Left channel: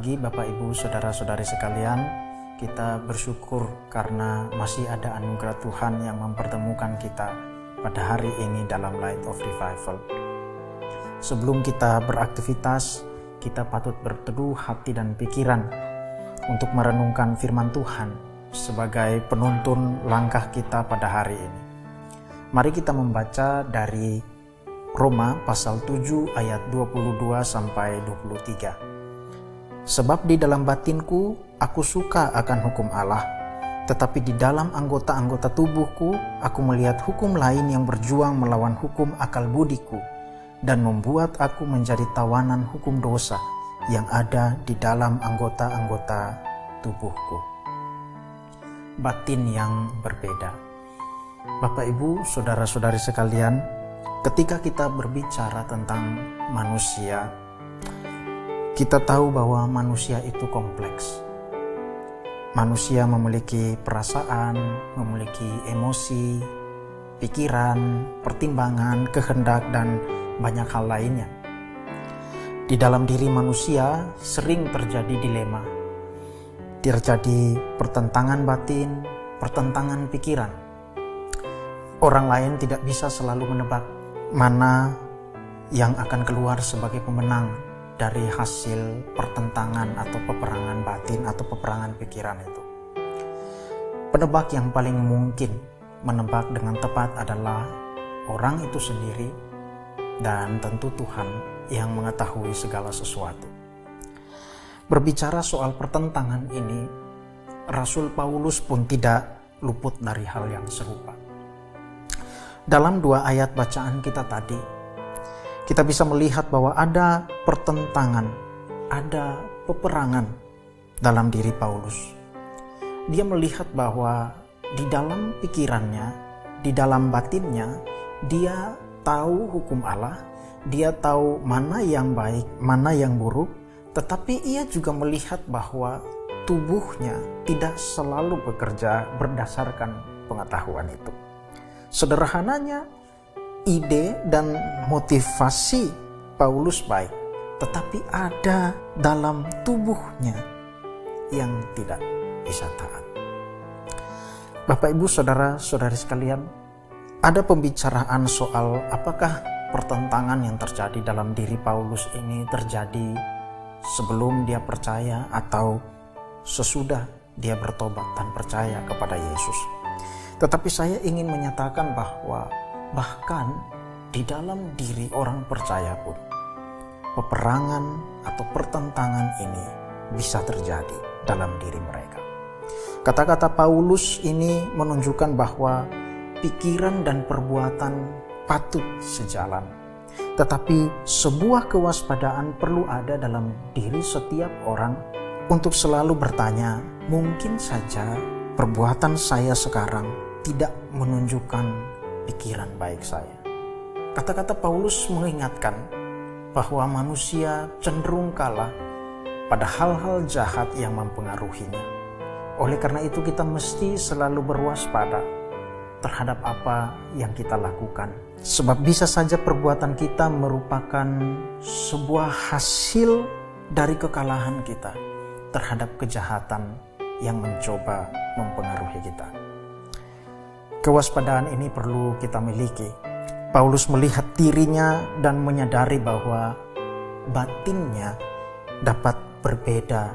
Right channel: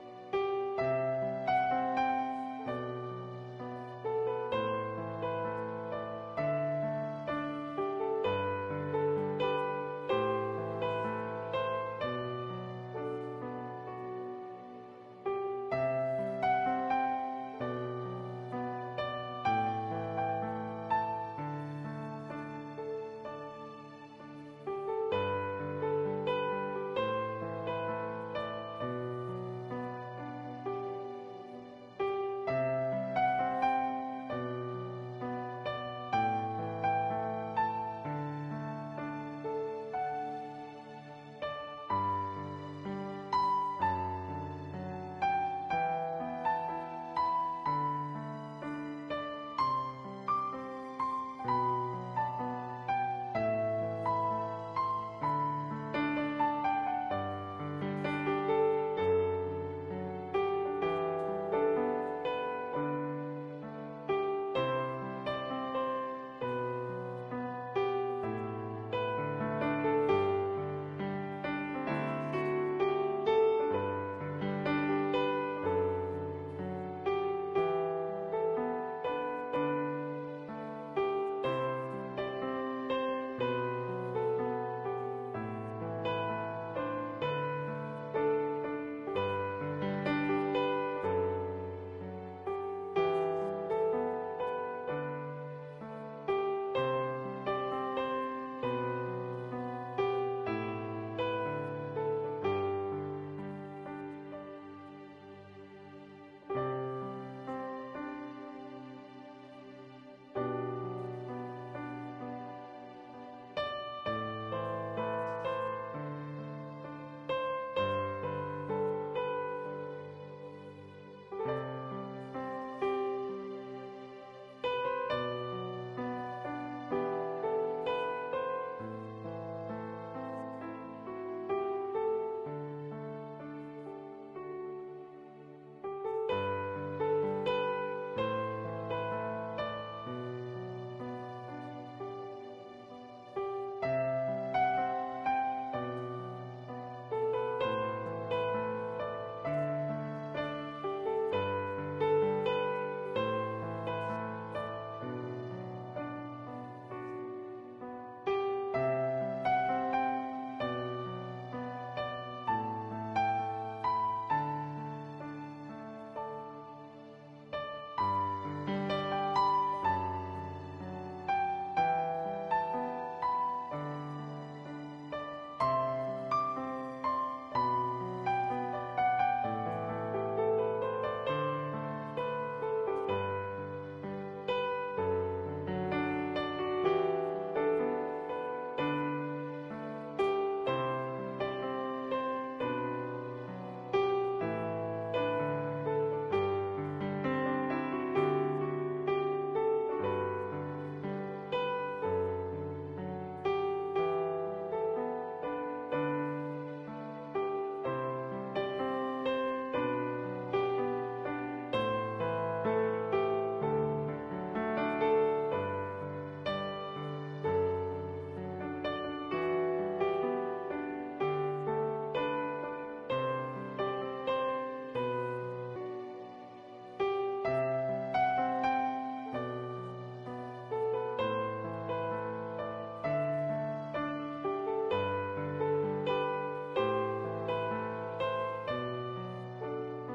pagi Bapak Ibu Saudara-saudari sekalian. Kita bersyukur karena masih ada anugerah Tuhan yang mempertemukan kita pada hari ini dalam Light of Revival. Sebelum kita beraktivitas, kita patut berteduh hati dan pikiran untuk merenungkan firman Tuhan sebagai penuntun langkah kita pada hari ini. Mari kita membaca dari Roma pasal 7 ayat 22 sampai 23. Sebab di dalam batinku aku suka akan hukum Allah, tetapi di dalam anggota-anggota tubuhku aku melihat hukum lain yang berjuang melawan hukum akal budiku dan membuat aku menjadi tawanan hukum dosa yang ada di dalam anggota-anggota tubuhku. Batin yang berbeda. Bapak Ibu, saudara-saudari sekalian, ketika kita berbicara tentang manusia, kita tahu bahwa manusia itu kompleks. Manusia memiliki perasaan, memiliki emosi, pikiran, pertimbangan, kehendak, dan banyak hal lainnya. Di dalam diri manusia sering terjadi dilema, terjadi pertentangan batin, pertentangan pikiran. Orang lain tidak bisa selalu menebak mana yang akan keluar sebagai pemenang dari hasil pertentangan atau peperangan batin atau peperangan pikiran itu. Penebak yang paling mungkin menebak dengan tepat adalah orang itu sendiri dan tentu Tuhan yang mengetahui segala sesuatu. Berbicara soal pertentangan ini, Rasul Paulus pun tidak luput dari hal yang serupa. Dalam 2 ayat bacaan kita tadi, kita bisa melihat bahwa ada pertentangan, ada peperangan dalam diri Paulus. Dia melihat bahwa di dalam pikirannya, di dalam batinnya, dia tahu hukum Allah, dia tahu mana yang baik, mana yang buruk, tetapi ia juga melihat bahwa tubuhnya tidak selalu bekerja berdasarkan pengetahuan itu. Sederhananya, ide dan motivasi Paulus baik, tetapi ada dalam tubuhnya yang tidak bisa taat. Bapak Ibu saudara-saudari sekalian, ada pembicaraan soal apakah pertentangan yang terjadi dalam diri Paulus ini terjadi sebelum dia percaya atau sesudah dia bertobat dan percaya kepada Yesus. Tetapi saya ingin menyatakan bahwa bahkan di dalam diri orang percaya pun peperangan atau pertentangan ini bisa terjadi dalam diri mereka. Kata-kata Paulus ini menunjukkan bahwa pikiran dan perbuatan patut sejalan. Tetapi sebuah kewaspadaan perlu ada dalam diri setiap orang untuk selalu bertanya, mungkin saja perbuatan saya sekarang tidak menunjukkan pikiran baik saya. Kata-kata Paulus mengingatkan bahwa manusia cenderung kalah pada hal-hal jahat yang mempengaruhinya. Oleh karena itu kita mesti selalu berwaspada terhadap apa yang kita lakukan. Sebab bisa saja perbuatan kita merupakan sebuah hasil dari kekalahan kita terhadap kejahatan yang mencoba mempengaruhi kita. Kewaspadaan ini perlu kita miliki. Paulus melihat dirinya dan menyadari bahwa batinnya dapat berbeda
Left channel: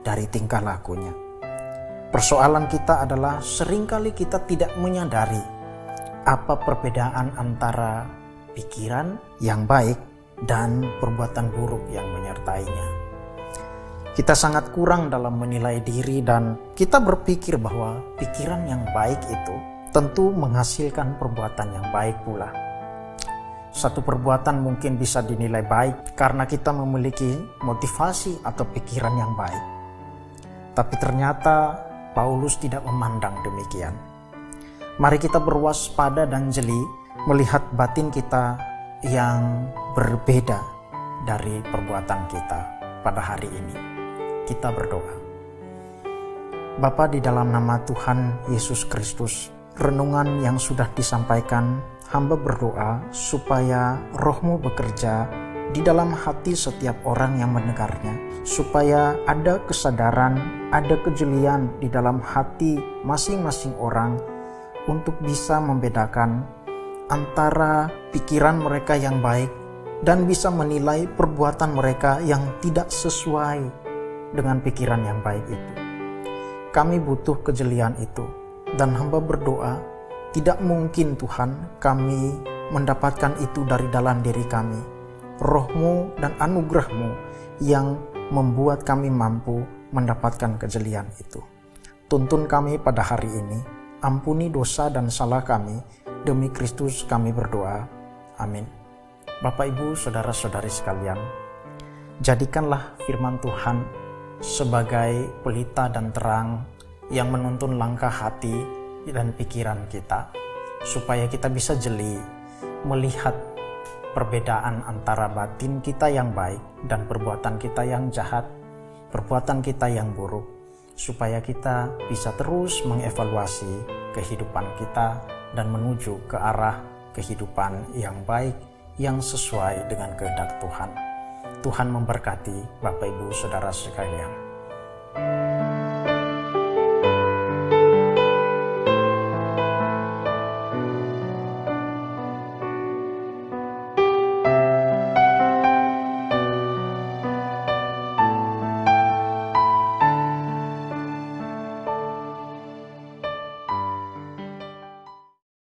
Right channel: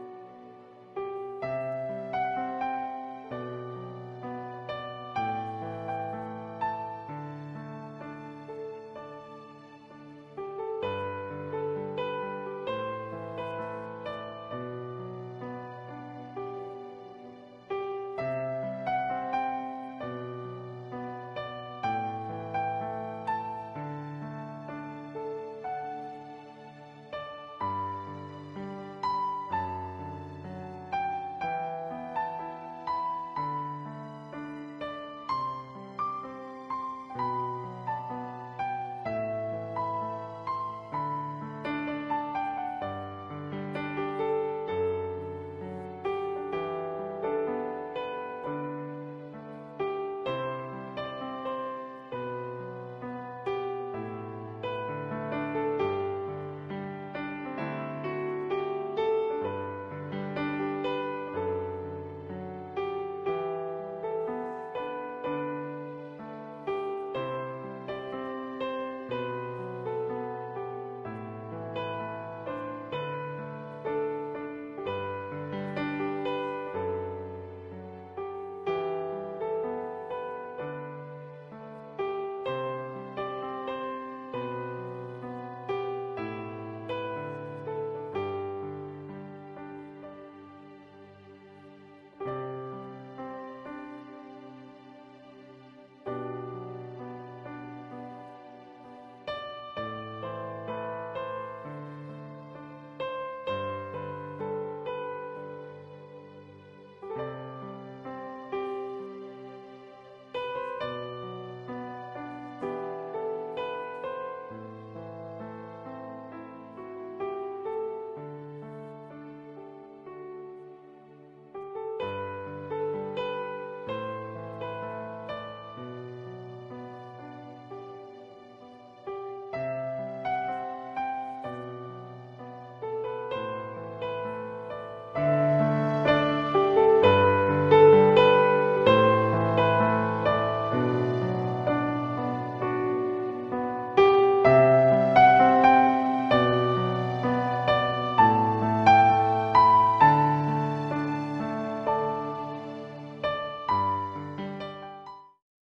dari tingkah lakunya. Persoalan kita adalah seringkali kita tidak menyadari apa perbedaan antara pikiran yang baik dan perbuatan buruk yang menyertainya. Kita sangat kurang dalam menilai diri dan kita berpikir bahwa pikiran yang baik itu tentu menghasilkan perbuatan yang baik pula. Satu perbuatan mungkin bisa dinilai baik karena kita memiliki motivasi atau pikiran yang baik. Tapi ternyata Paulus tidak memandang demikian. Mari kita berwaspada dan jeli melihat batin kita yang berbeda dari perbuatan kita pada hari ini. Kita berdoa. Bapa, di dalam nama Tuhan Yesus Kristus, renungan yang sudah disampaikan, hamba berdoa supaya Roh-Mu bekerja di dalam hati setiap orang yang mendengarnya, supaya ada kesadaran, ada kejelian di dalam hati masing-masing orang untuk bisa membedakan antara pikiran mereka yang baik dan bisa menilai perbuatan mereka yang tidak sesuai dengan pikiran yang baik itu. Kami butuh kejelian itu, dan hamba berdoa, tidak mungkin Tuhan kami mendapatkan itu dari dalam diri kami. Roh-Mu dan anugerah-Mu yang membuat kami mampu mendapatkan kejelian itu. Tuntun kami pada hari ini, ampuni dosa dan salah kami, demi Kristus kami berdoa. Amin. Bapak, Ibu, saudara-saudari sekalian, jadikanlah firman Tuhan sebagai pelita dan terang yang menuntun langkah hati dan pikiran kita, supaya kita bisa jeli melihat perbedaan antara batin kita yang baik dan perbuatan kita yang jahat, perbuatan kita yang buruk, supaya kita bisa terus mengevaluasi kehidupan kita dan menuju ke arah kehidupan yang baik, yang sesuai dengan kehendak Tuhan. Tuhan memberkati Bapak, Ibu, saudara sekalian.